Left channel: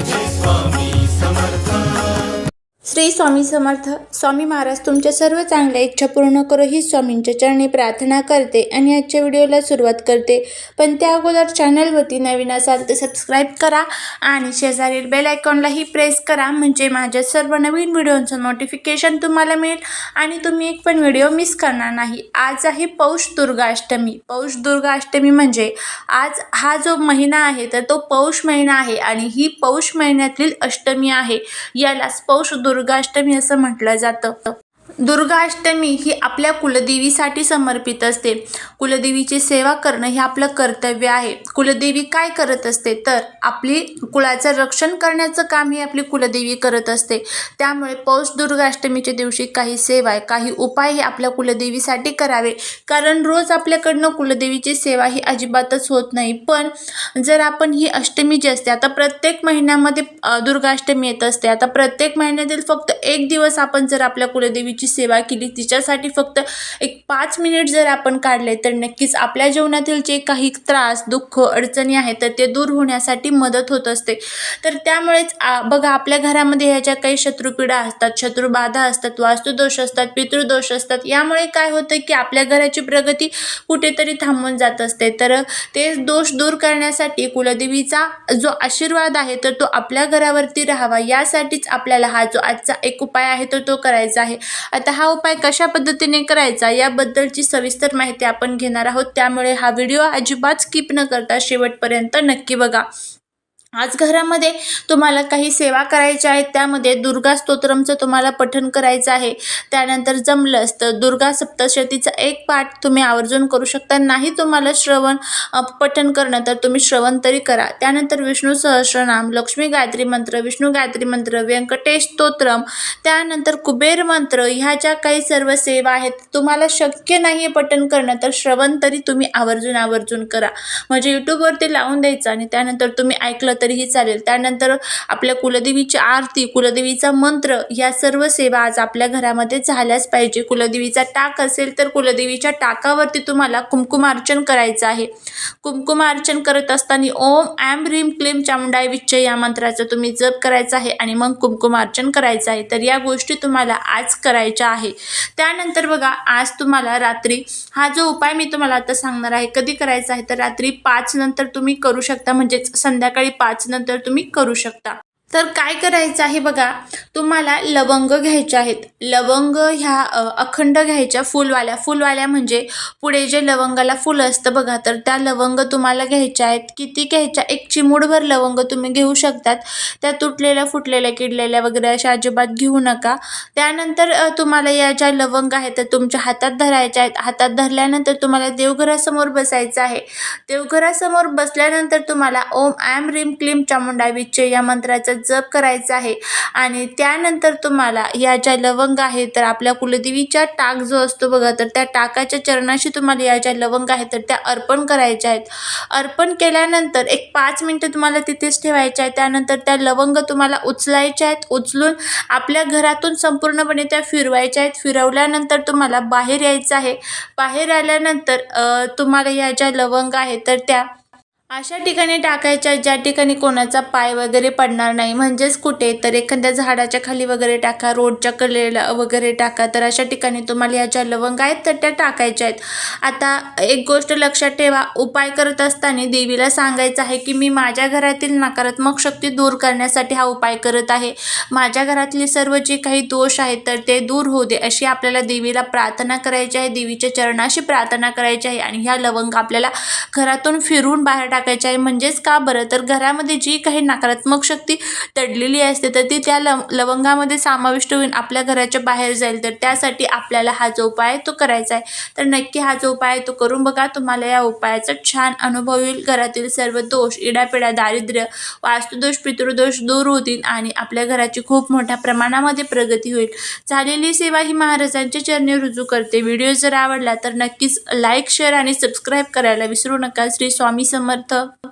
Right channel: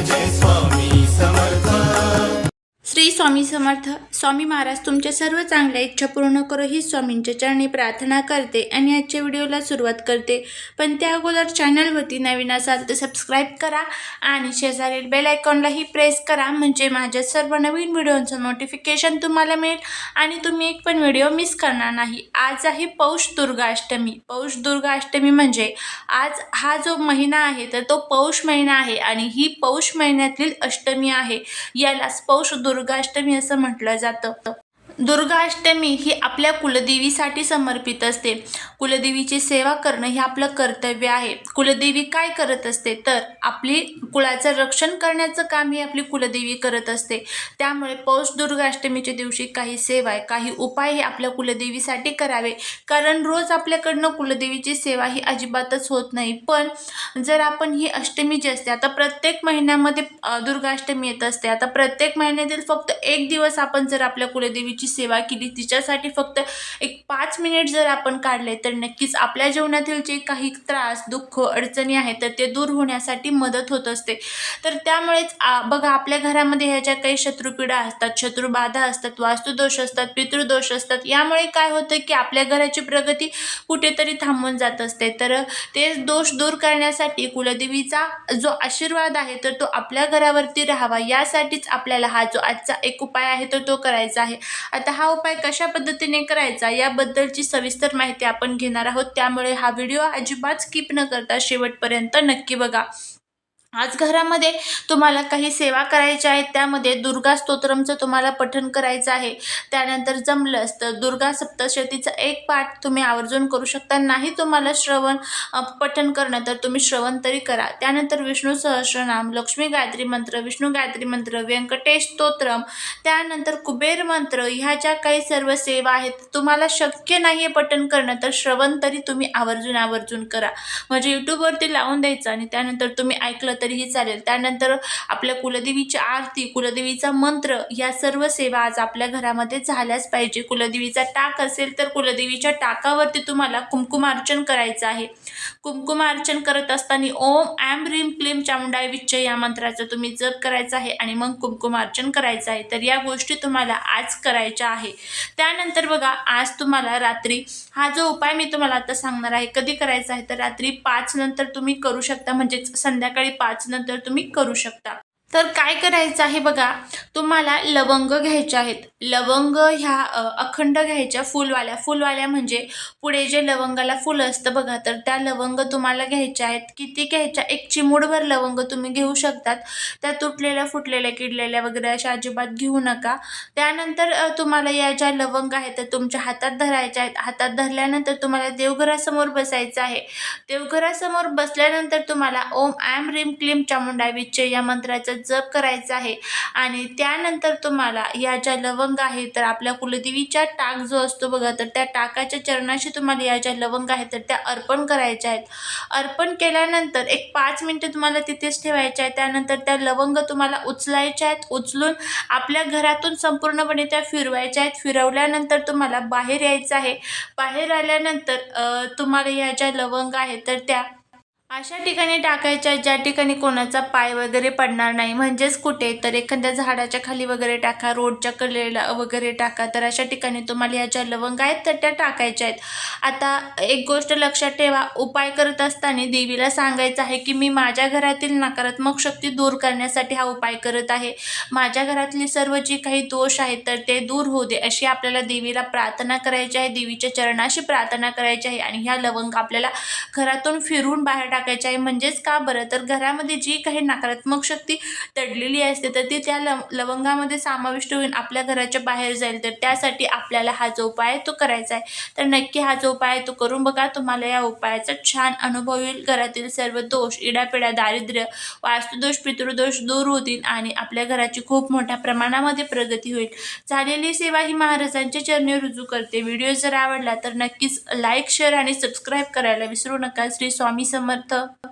जय जय स्वामी समर्थ श्री स्वामी समर्थ स्वामी महाराज तुमच्या सर्व चांगल्या इच्छा पूर्ण करो ही स्वामींच्या चरणी प्रार्थना करते आणि आजच्या व्हिडिओला सुरुवात करते. पण त्या अगोदर चॅनलवरती नवीन असाल तर सबस्क्राईब करा आणि शेजारील बेल आयकॉनलाही प्रेस करा म्हणजे माझ्या सर्व नवीन व्हिडिओचं नोटिफिकेशन तुम्हाला मिळेल आणि तुम्ही एक पण व्हिडिओ मिस करणार नाही. आज आहे पौष दुर्गाष्टमी. पौष दुर्गाष्टमी म्हणजे आज हा जो महिना आहे तर तो पौष महिना आहे आणि ही पौष महिन्यातील अष्टमी आहे. यालाच पौष दुर्गाष्टमी असं म्हटलं जातं. दुर्गाष्टमी ही आपल्या कुलदेवीसाठी समर्पित असते. कुलदेवीची सेवा करणं हे आपलं कर्तव्य आहे. कुलदेवी काय करत असते? तर आपली कुळाचं रक्षण करण्याचं काम ही आपली कुलदेवी करत असते. त्यामुळे पौष दुर्गाष्टमीच्या दिवशी काही सेवा काही उपाय हे आपल्या कुलदेवीसाठी करावे. कारण रोज आपल्याकडनं कुलदेवीची सेवा ही अजिबातच होत नाही. पण जर आपण ही अष्टमी जी असते आता प्रत्येक महिन्यामध्ये दुर्गाष्टमी येत असते. आता प्रत्येक महिन्यातील फक्त एक दिवस आपण जर आपल्या कुलदेवीची सेवा केली तिच्यासाठी फक्त एक पाच मिनिट जर आपण काढले तर नक्कीच आपल्या जीवनातील जे काही त्रास दुःख अडचणी आहेत तर ते दूर होण्यासाठी मदत होत असते. तर त्यामुळेच बघा आपल्या घरामध्ये ह्या ज्या काही शत्रुपीडा असतात शत्रुबाधा असतात वास्तुदोष असतात पितृदोष असतात यामुळे काय होतं की आपल्या घराची प्रगती कुठेतरी थांबून जात असते. तर ते दोष दूर करण्यासाठी कुलदेवीचा जो आशीर्वाद आहे तर तो आपल्या घरावरती राहावा. यासाठीच आपल्याला हा जो आजचा एक उपाय आहे तर तो करायचा आहे. आता हा उपाय कशा पद्धतीने करायचा याबद्दलची सविस्तर माहिती आपण घेणार आहोत. त्यामुळे हा व्हिडिओ अजिबात स्किप न करता शेवटपर्यंत नक्की बघा. आज घरामध्ये तुम्हाला काही सेवा करायच्या आहेत त्यामध्ये दुर्गा स्तोत्रमचं तुम्हाला पठण करायचं आहे. त्यानंतर जमलंच तर दुर्गा सप्तशतीचा एक पाठ तुम्ही आवर्जून करू शकता. नाही तुम्हाला श्रवण पठण करणं तर तुम्ही श्रवण तरी करा. त्यानंतर विष्णू सहस्रनाम लक्ष्मी गायत्री मंत्र विष्णू गायत्री मंत्र व्यंकटेश स्तोत्रम त्यानंतर कुबेर मंत्र ह्या ज्या काही सर्व सेवा आहेत तुम्हाला शक्य नाही आहे पठण करणं तर श्रवण तरी तुम्ही आवर्जून आवर्जून करा. म्हणजे यूट्यूबवरती लावून द्यायचं आणि त्यानंतर तुम्ही ऐकलं तरीही चालेल. त्यानंतर आपल्या कुलदेवीची आरती कुलदेवीचा मंत्र या सर्व सेवा आज आपल्या घरामध्ये झाल्याच पाहिजे. कुलदेवीचा टाक असेल तर कुलदेवीच्या टाकावरती तुम्हाला कुंकुमार्चन करायचं आहे. कुमकुमार्चन करत असताना ओम ॲम रीम क्लीम चामुंडाय विच्च या मंत्राचा तुम्ही जप करायचा आहे आणि मग कुमकुमार्चन करायचं आहे. तर या गोष्टी तुम्हाला आज करायच्या आहे. त्यानंतर बघा आज तुम्हाला रात्री हा जो उपाय मी तुम्हाला आता सांगणार आहे कधी करायचा आहे? तर रात्री पाच नंतर तुम्ही करू शकता. म्हणजेच संध्याकाळी पाच नंतर तुम्ही करू शकता. तर काय करायचं आहे बघा? तुम्हाला लवंग घ्यायच्या आहेत. लवंग ह्या अखंड घ्यायच्या फुलवाल्या. फुलवाल्या म्हणजे पुढे जे लवंगाला फुलं असतं बघा तर त्या लवंग तुम्हाला घ्यायच्या आहेत. किती घ्यायच्या? एक चिमूडभर लवंग तुम्ही घेऊ शकतात. त्या तुटलेल्या फुटलेल्या किडलेल्या वगैरे अशा अजिबात घेऊ नका. त्यानंतर तुम्हाला या ज्या लवंग आहेत त्या तुमच्या हातात धरायच्या आहेत. हातात धरल्यानंतर तुम्हाला देवघरासमोर बसायचं आहे. देवघरासमोर बसल्यानंतर तुम्हाला ओम ॲम रीम क्लीम चामुंडा विच्चे या मंत्राचा जप करायचा आहे. आणि त्यानंतर तुम्हाला या ज्या लवंग आहेत तर आपल्या कुलदेवीचा टाक जो असतो बघा तर त्या टाकाच्या चरणाशी तुम्हाला या ज्या लवंग आहेत तर त्या अर्पण करायच्या आहेत. अर्पण केल्यानंतर एक पाच मिनटं तुम्हाला तिथेच ठेवायच्या आहेत. त्यानंतर त्या लवंग तुम्हाला उचलायच्या आहेत. उचलून आपल्या घरातून संपूर्णपणे त्या फिरवायच्या आहेत. फिरवल्यानंतर तुम्हाला बाहेर यायचं आहे. बाहेर आल्यानंतर तुम्हाला या ज्या लवंग आहेत तर त्या अशा ठिकाणी टाकायच्या ज्या ठिकाणी कोणाचा पाय वगैरे पडणार नाही म्हणजेच कुठे तर एखाद्या झाडाच्या खाली वगैरे टाका रोडच्या कलेला वगैरे टाका तर अशा ठिकाणी तुम्हाला ह्या ज्या लवंग आहेत तर त्या टाकायच्या आहेत. आता एक गोष्ट लक्षात ठेवा उपाय करत असताना देवीला सांगायचं आहे की मी माझ्या घरातील नकारात्मक शक्ती दूर करण्यासाठी हा उपाय करत आहे. माझ्या घरातली सर्व जे काही दोष आहेत तर ते दूर होऊ दे. अशी आपल्याला देवीला प्रार्थना करायची आहे देवीच्या चरणाशी प्रार्थना करायची आहे आणि ह्या लवंग आपल्याला घरातून फिरून बाहेर टाकायच्या आहे. म्हणजेच का बरं? तर घरामध्ये जी काही नकारात्मक शक्ती दडलेली असते तर ती त्या लव लवंगामध्ये समाविष्ट होऊन आपल्या घराच्या बाहेर जाईल. तर त्यासाठी आपल्याला हा जो उपाय तो करायचा आहे. तर नक्की हा जो उपाय तो करून बघा. तुम्हाला या उपायाचा छान अनुभव येईल. घरातील सर्व दोष इडापिडा दारिद्र्य वास्तुदोष पितृदोष दूर होतील आणि आपल्या घराची खूप मोठ्या प्रमाणामध्ये प्रगती होईल. झालेली सेवा ही महाराजांच्या चरणी रुजू करते. व्हिडिओ जर आवडला तर नक्कीच लाईक शेअर आणि सबस्क्राईब करायला विसरू नका. श्री स्वामी समर्थ. 的